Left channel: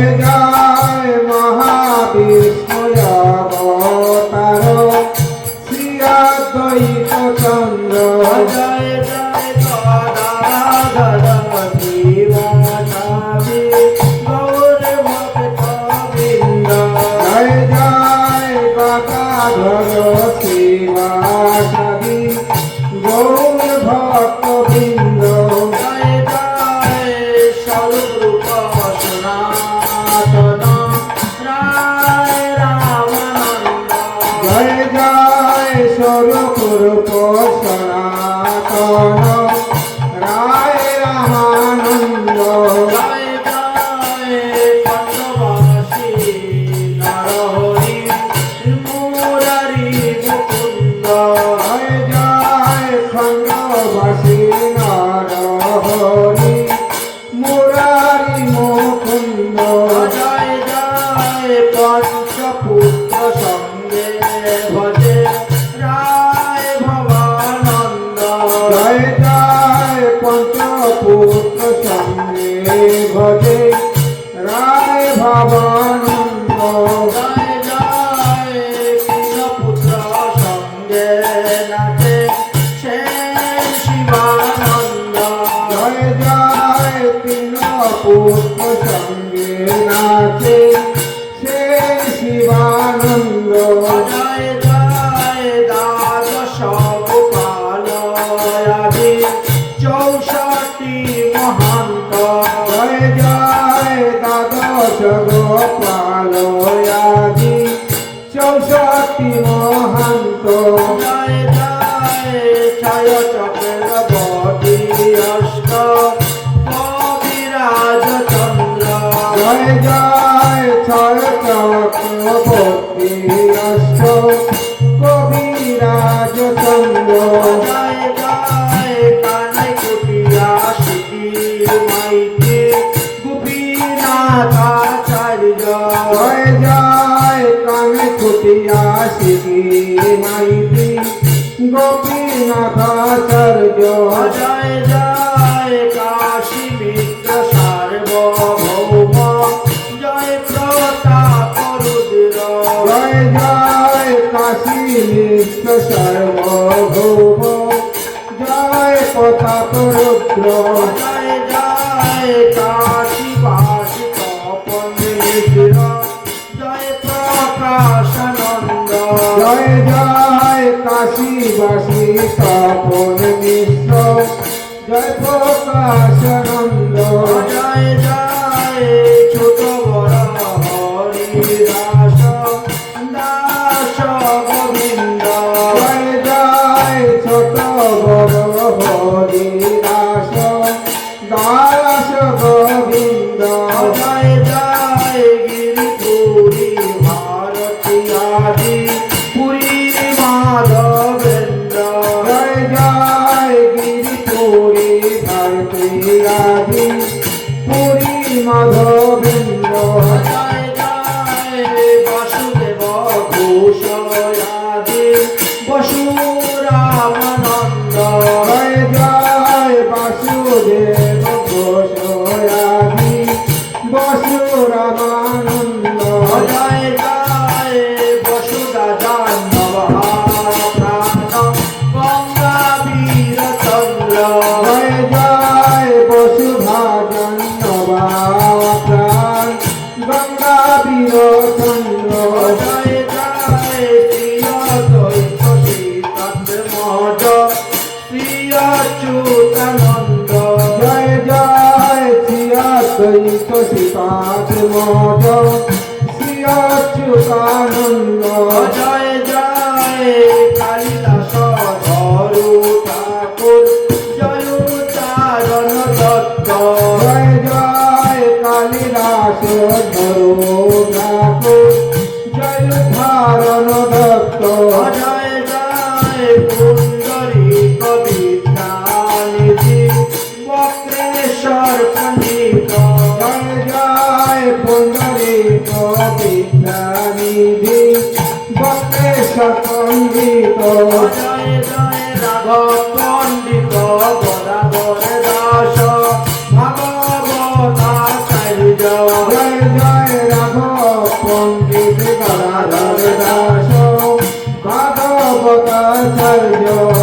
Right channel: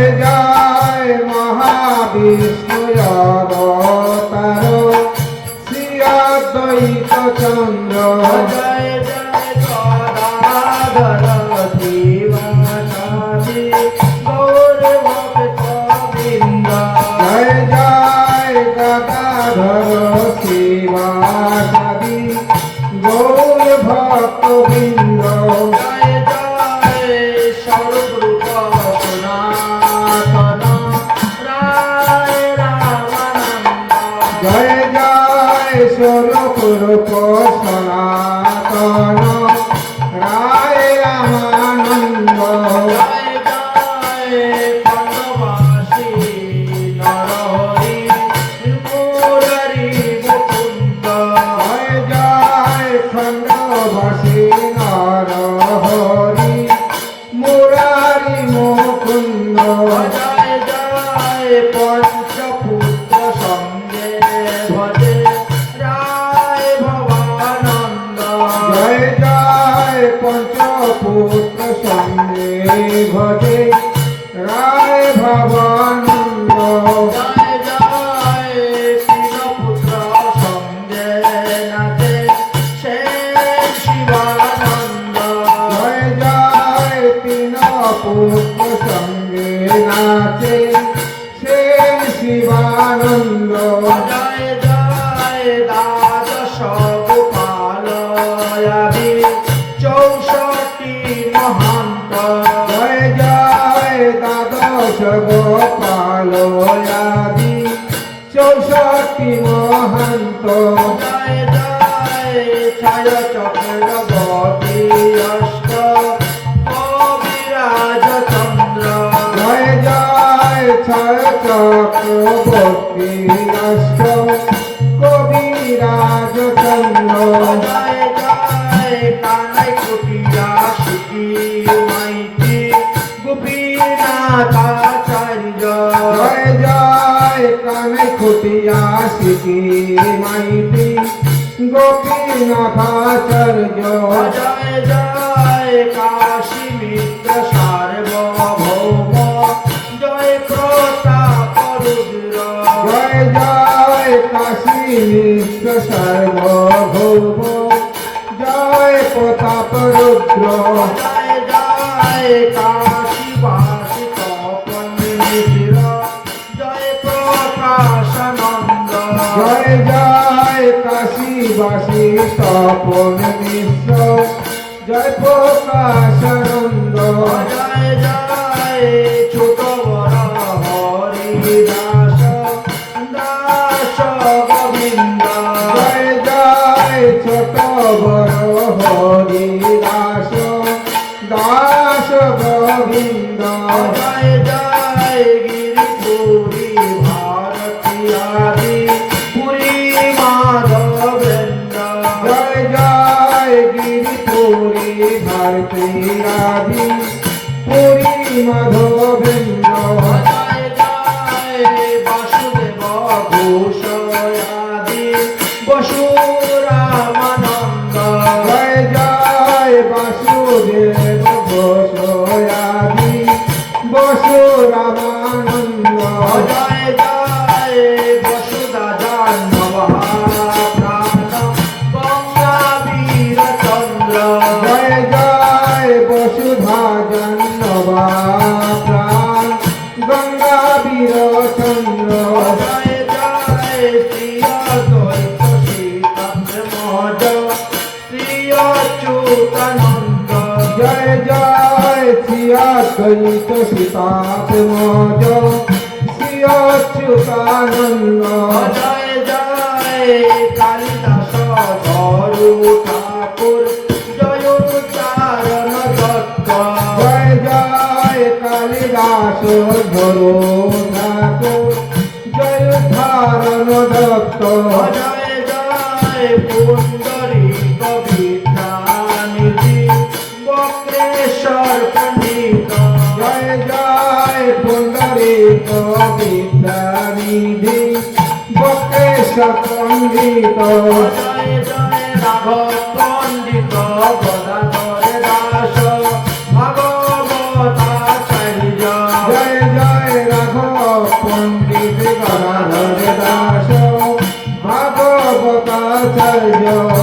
হয়ে যায়। জয় জয় কাশী মিত্র সার্বভৌম জয় প্রতাপ রুদ্র জয় জয় কাশী মিত্র সার্বভৌম জয় প্রতাপ রুদ্র জয় জয় বাসী কপন জয় প্রকাশানন্দ। জয় জয় বাসী তপন জয় প্রকাশন God. কাজ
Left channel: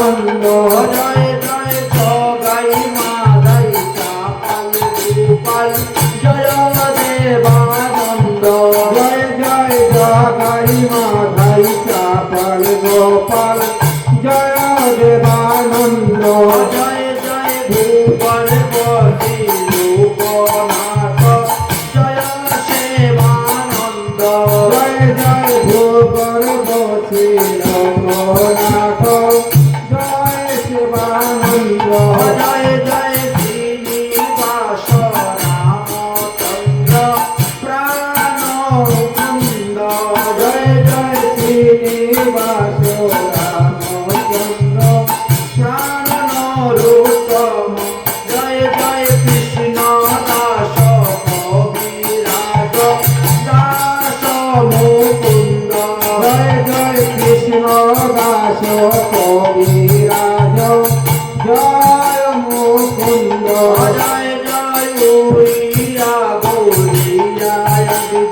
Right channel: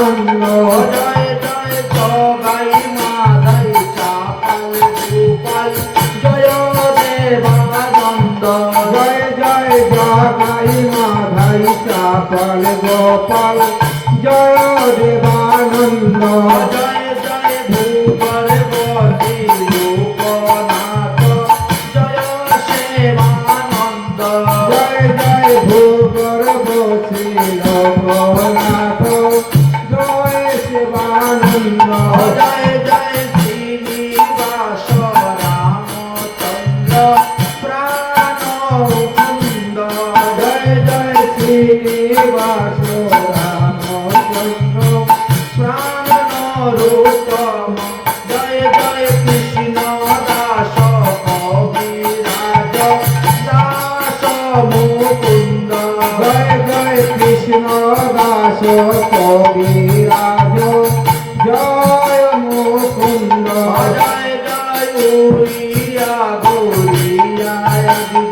Lord, Lord.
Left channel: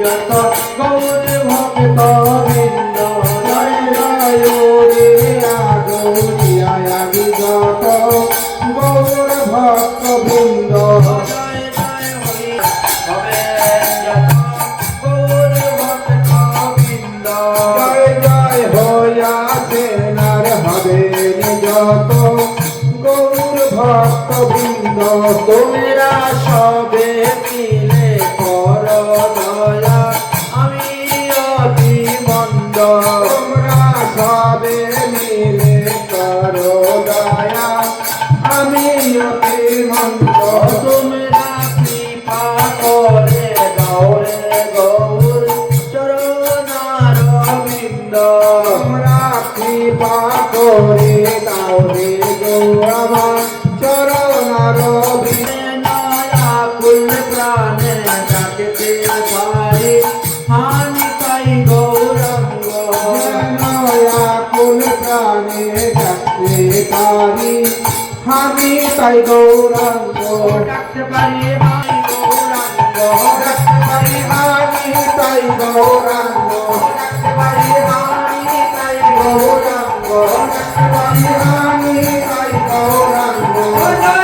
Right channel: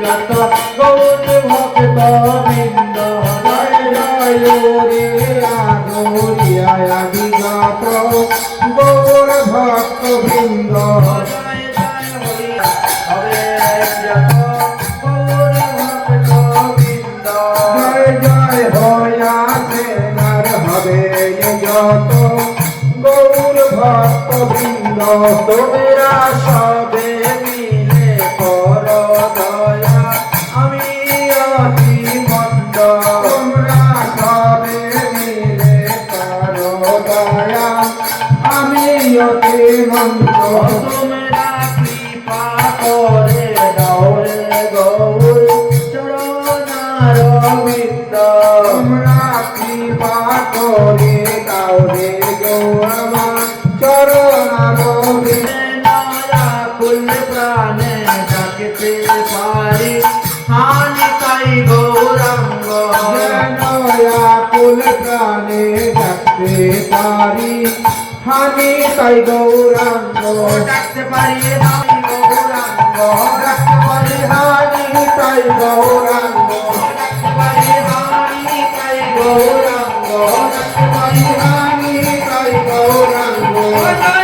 Gracias. তোমরা সবে পারি আমি তাই গৌরাঙ্গ। ডাকতে পারি আমি গৌরাঙ্গ। ডাকতে পারি আমি তাই গৌরাঙ্গ। ডাকতে পারি আমি তাই গৌরাঙ্গ। ডাকতে পারি আমি তাই গৌরাঙ্গ।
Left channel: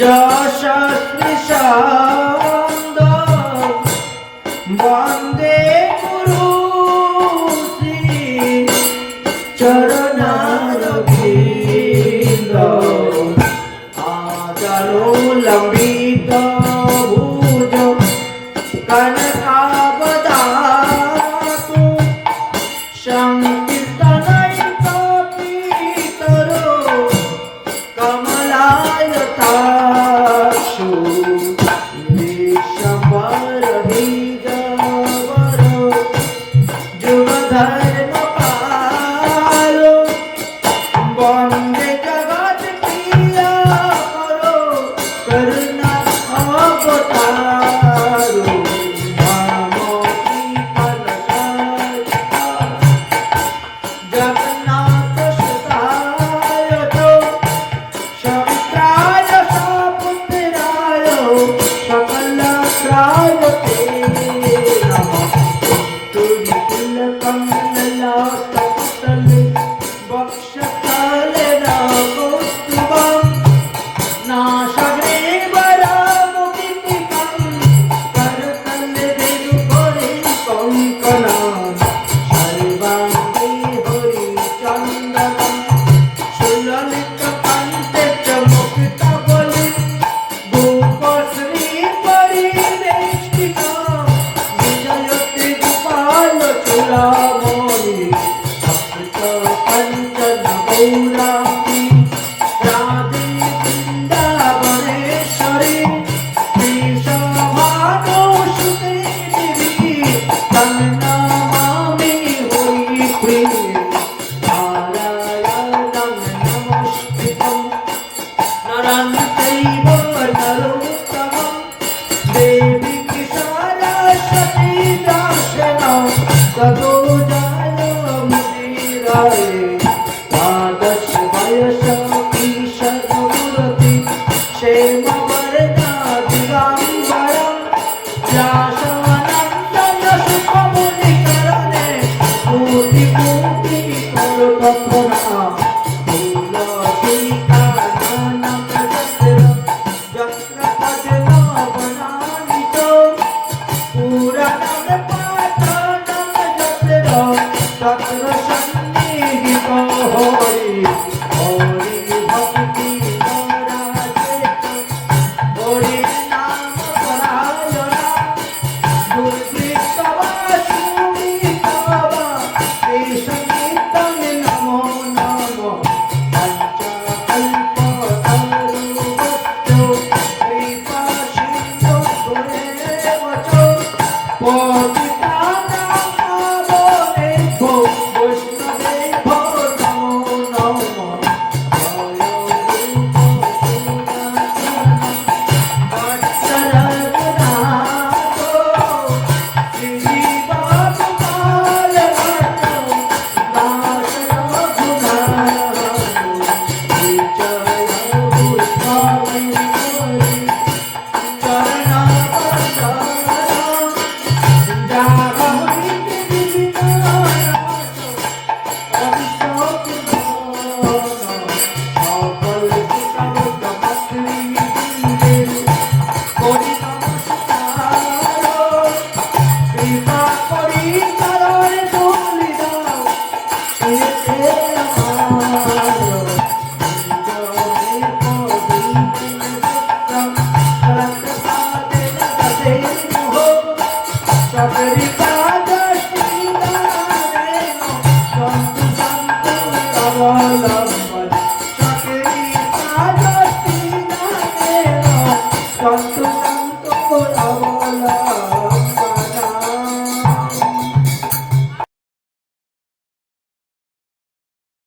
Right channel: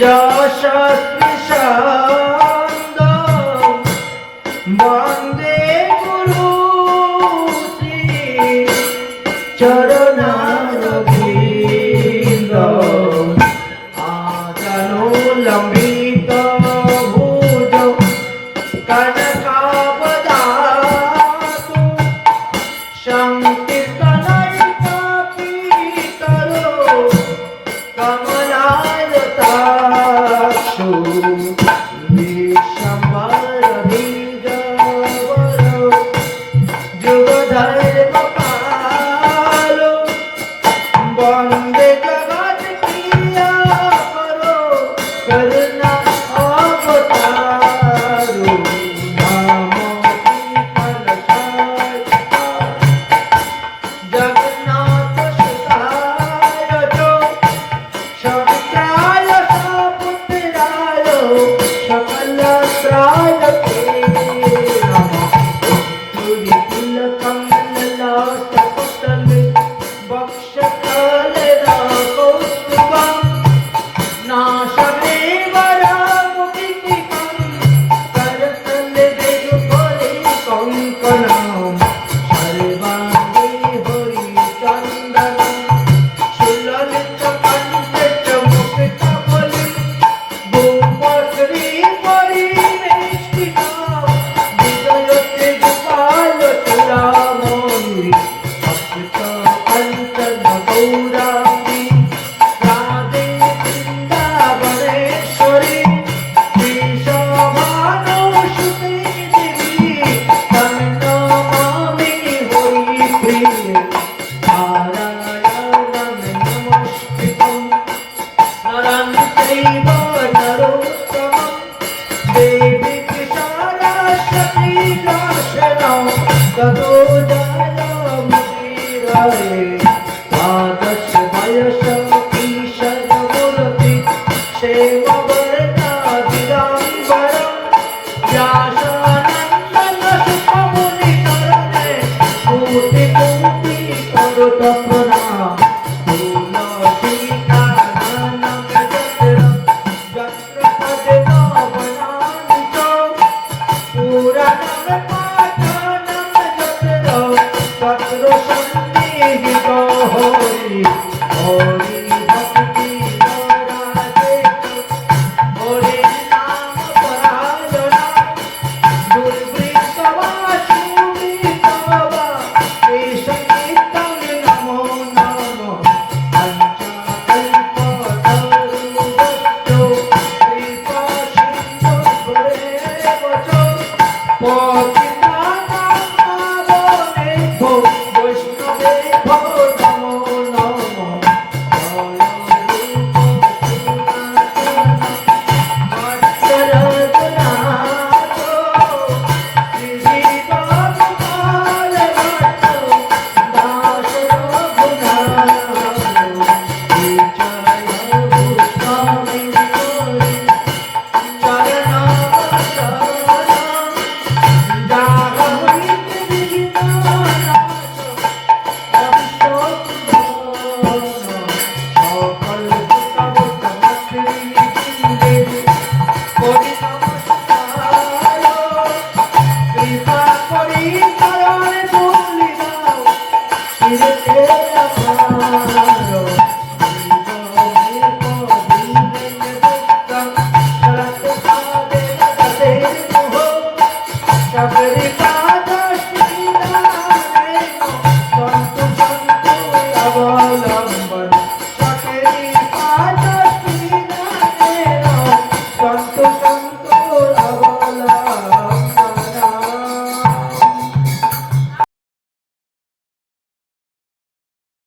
যশ 따라가며 ராகத்தில் गौरा मोरी भक्त पंकज गौरा